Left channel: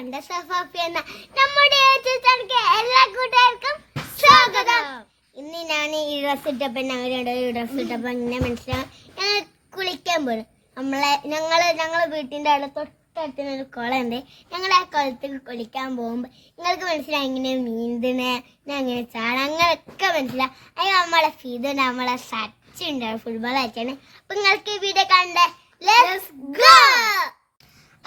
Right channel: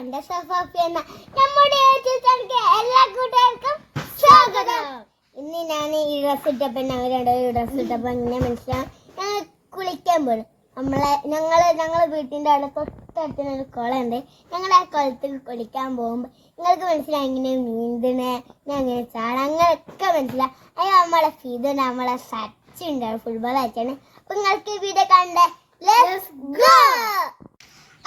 എന്ന നമ്മുടെ എല്ലാ കൂട്ടുകാർക്കും സ്വാഗതം. ഇന്ന് ഞാൻ ഈ ഡ്രസ് ഇട്ടപ്പോൾ ഇങ്ങനെ മനസ്സിലായി ഞങ്ങൾ കുളിക്കാൻ പോകും. ഞങ്ങളെ വീട്ടിൻ്റെ അവിടെ തൊട്ടടുത്തൊരു കുളമുണ്ട്. ഞങ്ങൾ ആ കുളത്തിൽ കുളിക്കാൻ പോകുമ്പോൾ നിങ്ങൾക്ക് മനസ്സിലായി ഇങ്ങനെ നീന്തണേ അങ്ങനെ ചാടാൻ അങ്ങനെയൊക്കെ മനസ്സിലായി. അതിന് നമ്മളെ ഫീത് നമ്മളെ സച്ചിൻ ഫുട്ബോൾ അയച്ചാണ്. അപ്പൊ നിങ്ങൾക്ക് ഈ വീഡിയോ കണ്ടേ. Let's go.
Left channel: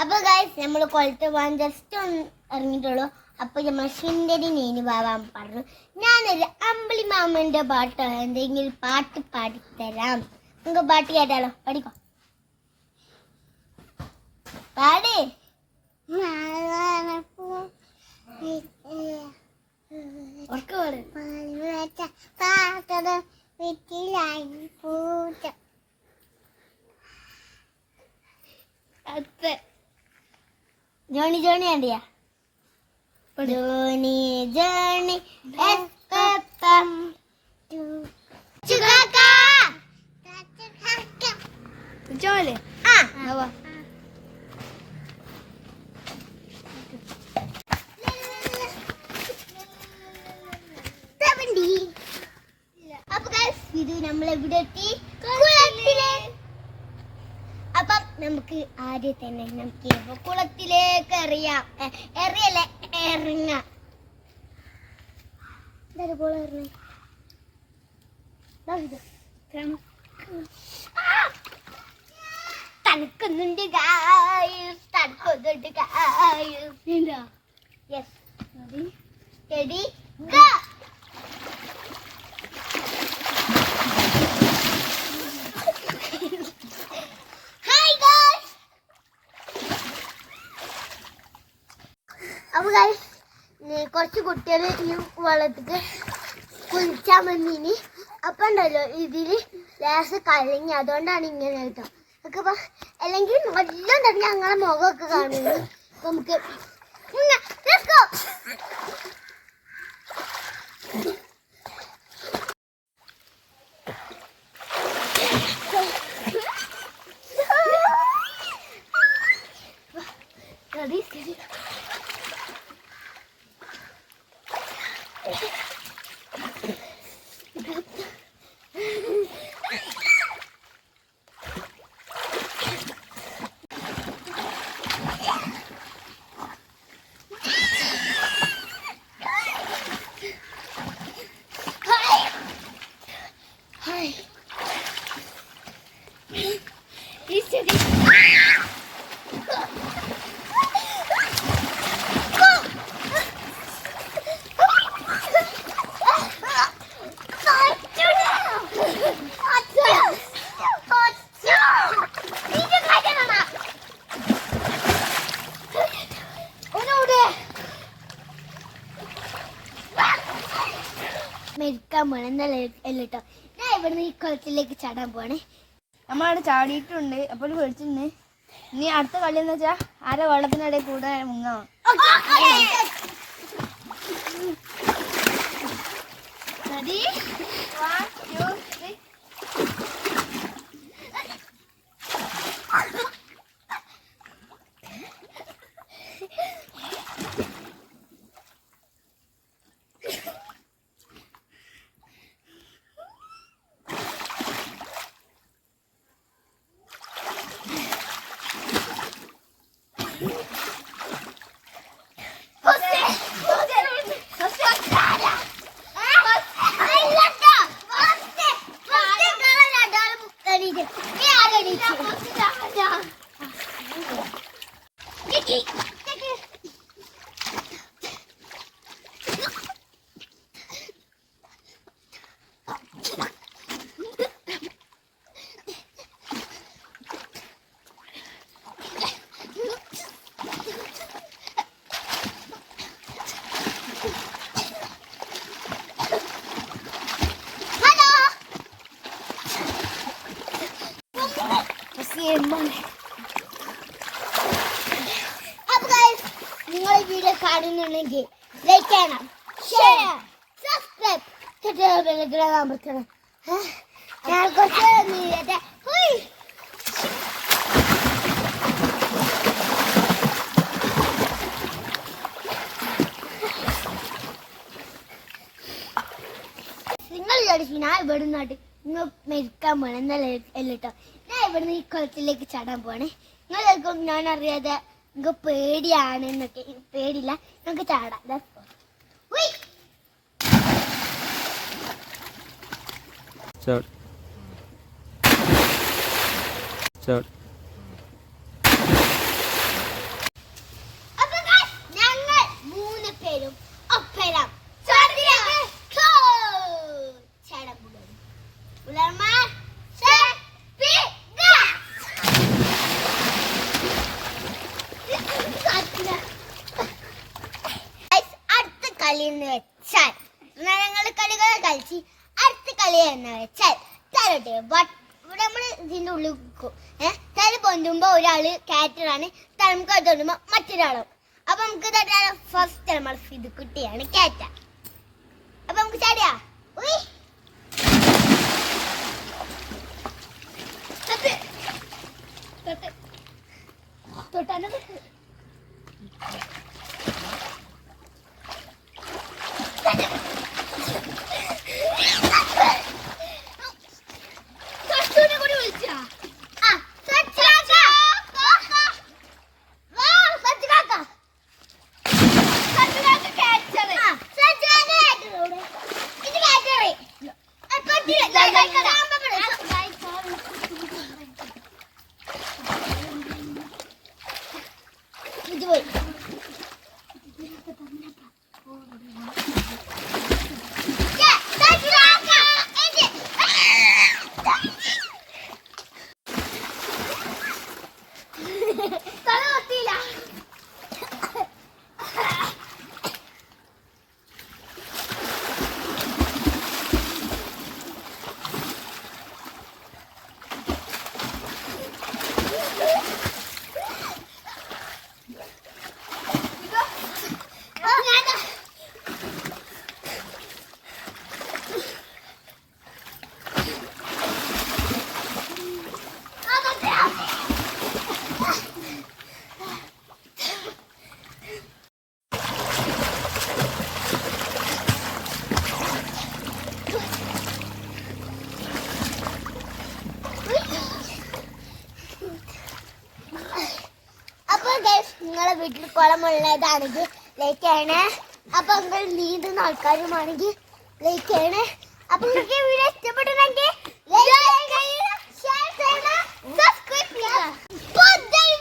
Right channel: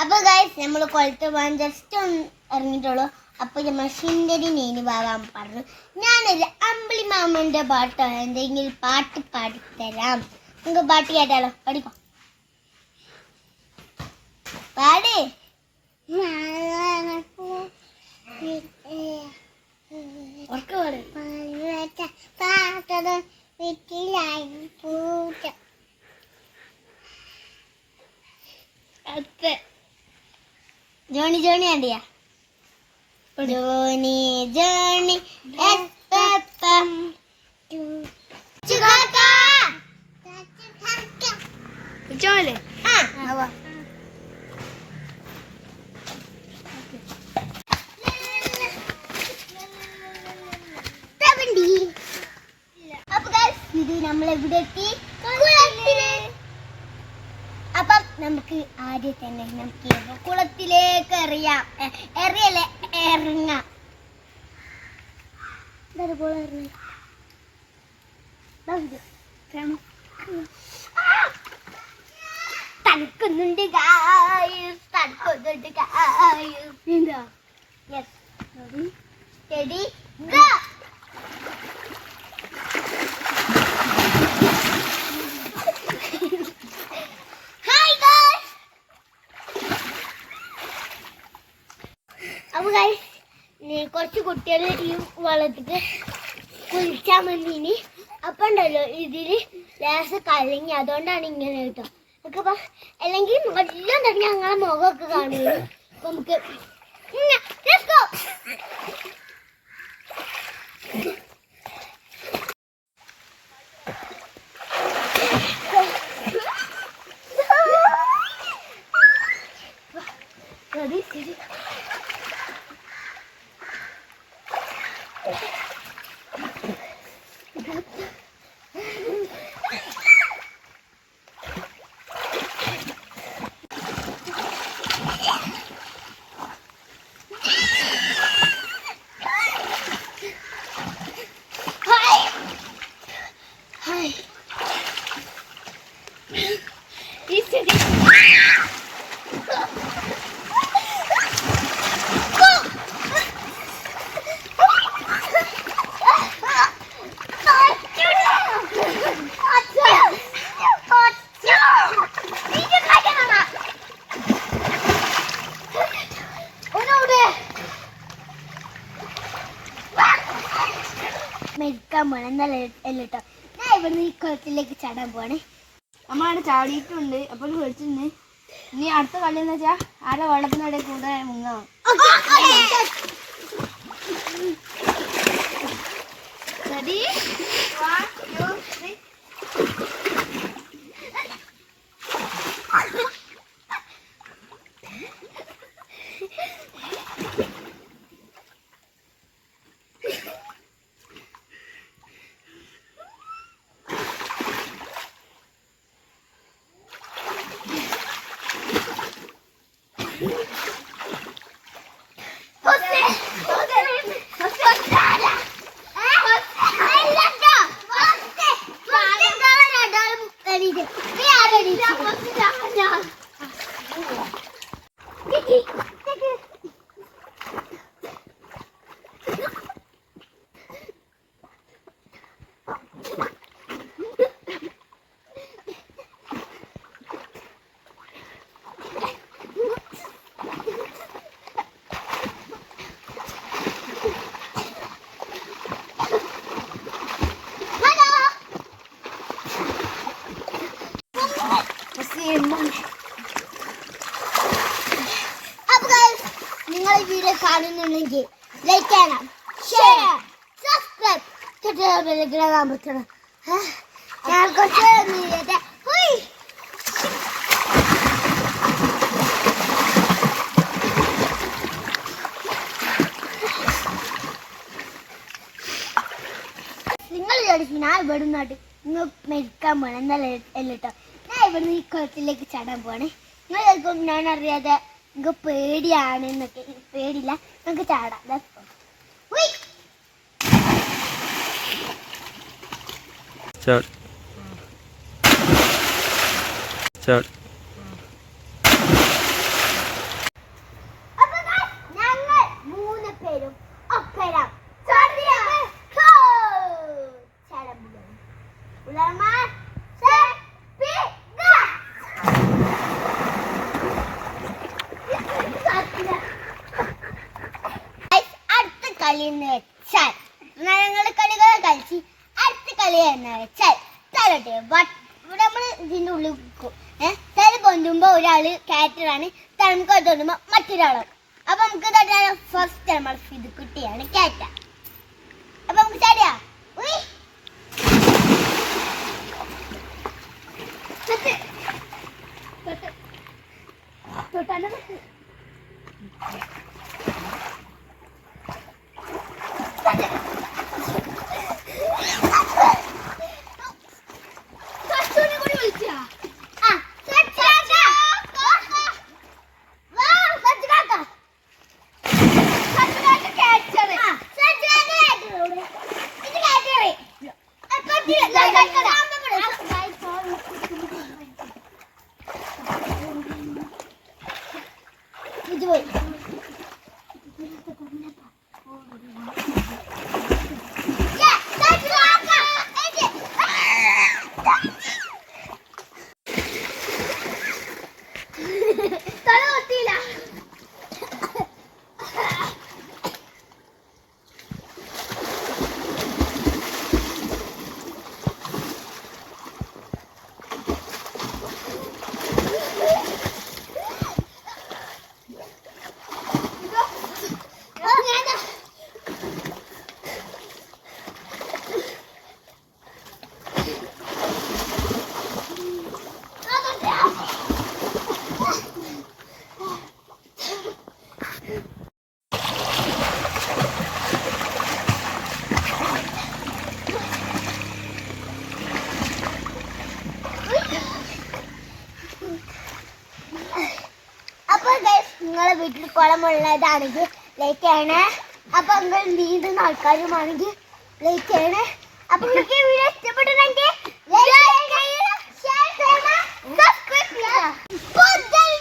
അപ്പൊ ഗൈസ് നമ്മൾ കുളത്ത് പോകാൻ ജസ്റ്റ് ഒന്ന് ഇറങ്ങിയിട്ടുള്ളൂ. അപ്പൊ നമ്മൾ സുന്ദരി നെയ്ന് പോകാൻ പറഞ്ഞു. ഞാനൊരു അമ്പിളി മാമന്റെ പാട്ടോ എന്തെങ്കിലും പാട്ട് പാടിത്തരാം. നിങ്ങൾക്ക് പാട്ട് കേട്ടാലോ? പഠിക്കോ പാടേ. ജോണി ജോണി ആണ്ടിയാ ജോണി ജോണി ജോലി അപ്പൊ ഇത് നമ്മളെവിടെ എത്തി? അപ്പം നമുക്ക് ആദ്യം തന്നെ നമുക്ക് കുളത്തിലേക്ക് എറിയാം. എറിയല്ലേ ഇറങ്ങാം. തണുക്കുന്നുണ്ട് തണുക്കുന്നുണ്ട്. Ready go. അപ്പൊ കുറച്ച് കുട്ടികൾ ഈ വെള്ളത്തിക്ക് കുളിച്ചാൻ വന്നിനി. അപ്പൊ ഉണ്ടല്ലോ ഇതില് ലേശം കലങ്ങി, അതുകൊണ്ടാണ് ഇങ്ങനെ കേട്ടോ. ഒക്കെ അല്ലെങ്കിൽ നല്ല തന്നെ ഞങ്ങളെ മുഖമൊക്കെ കാണുന്നു. അപ്പൊ നമുക്ക് മെരിക്കാൻ പോണേ. എന്നല്ല എല്ലോ ഞാൻ ഇവിടുന്ന് ഈ കുളത്തിലേക്ക് ചാടാൻ പോണേ. നമ്മളവിടെ ചാടിയിട്ടുണ്ട്. അപ്പോൾ വിളിച്ചിരുന്നേ. ഇനി അടുത്ത കളി എന്ന് വെച്ചാൽ ആരെ വെള്ളത്തിനിടയിൽ കൂടെ മുങ്ങാം. അപ്പൊ നിങ്ങൾ ഈ വീഡിയോ കാണുന്നുണ്ടെങ്കിൽ ലൈക്ക് ചെയ്യണം, ഷെയർ, സബ്സ്ക്രൈബ് അമർത്തണം. ഞാൻ കുറച്ച് ഇവിടെ നിന്നാട്ട് നിങ്ങൾ മരിക്കാൻ പോണേ എന്നല്ല കേട്ടോ. ഞാൻ ഇവിടുന്ന് ഈ കുളത്തിലേക്ക് ചാടാൻ പോണേ. നിങ്ങൾക്കും ഞാൻ അറിയാതെ നിങ്ങൾക്ക് പേടിയാണ് എന്നൊക്കെ. പേടിയില്ല, നമുക്ക് ചാടാം. ഞങ്ങൾ 3 പേരും ഒപ്പരം ചാടാൻ പോവുകയാണ്. അടുത്ത കളി എന്ന് വെച്ചാൽ ഞങ്ങൾ കളികൾ കളിച്ച് അടുത്ത കളി എന്ന് വെച്ചാൽ തരട്ടെ. നമ്മൾ ഇതിൻ്റെ ഉള്ളിൽ തല പൊന്തുമ്പോ ഒരാള് ക്യാറ്ററാണ്, തലമുക്ക് തോന്നുമ്പോ മറ്റൊരാളാണ്. അപ്പൊ നമുക്ക് ഫസ്റ്റ് നമ്മൾ ഇത് കുട്ടിയാണ് ക്യാറ്റ. അപ്പൊ നമുക്ക് ചാടിയാ നിങ്ങളെ വീട്ടിൽ കുളമുള്ളതാണെങ്കിൽ ലൈക്ക് ചെയ്യണേ. അപ്പൊ നിങ്ങൾ നീന്തുന്ന ആൾക്കാരുമാണെങ്കിൽ ലൈക്ക് ചെയ്യണേ. അപ്പൊ നിങ്ങൾക്ക് വീഡിയോ ഇഷ്ടപ്പെട്ടിട്ടുണ്ടെങ്കിൽ ലൈക്ക് ചെയ്യുക, ഷെയർ ചെയ്യുക, സബ്സ്ക്രൈബ് ചെയ്യുക.